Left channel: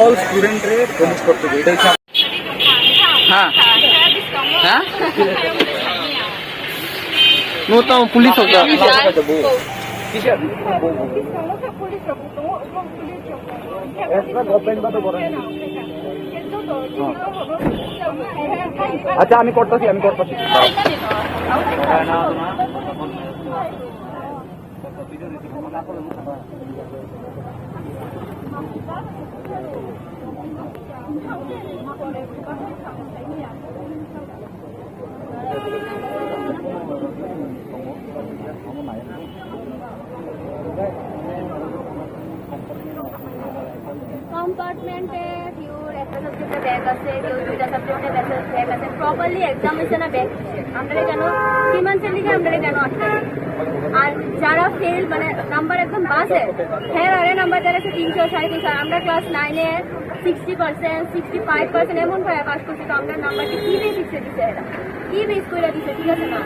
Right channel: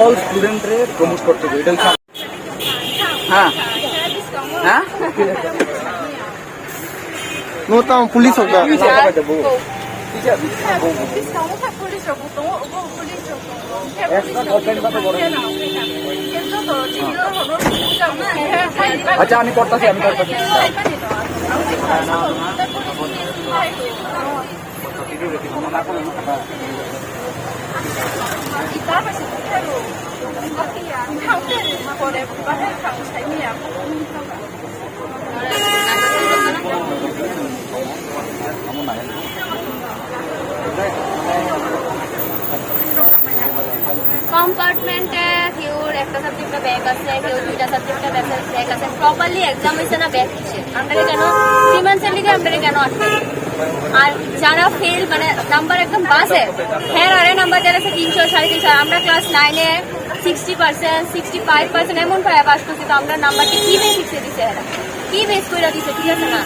All স্টুডেন্টরে promote করতে হবে, এটা হচ্ছে। हाँ हाँ वो तो पुलिस होगा আচ্ছা আমি করতেছি কম্পার্টমেন্টে কেউর একটা সাবজেক্টে ব্যাক আছে, কেউ দুইটা সাবজেক্টে ব্যাক আছে। প্রপারলি এক্সাম হয়েছে না ব্যাক হচ্ছে, আপনারা কেন 3 মান্থসের লিগে আপনারা কেন আটকে? আর যারা ফেল মানে নাম্বার একদম বাসে, হ্যাঁ আরে নাম্বার যারা আছে 300 350, আমরা ক্লাস 9-এ 60% 65% এমন পায় পাস করছি, তো আমরা নাম্বারটি কি বেস শিখে দিছে, এরা কি বেস করে দিছে, ঠিক আছে না?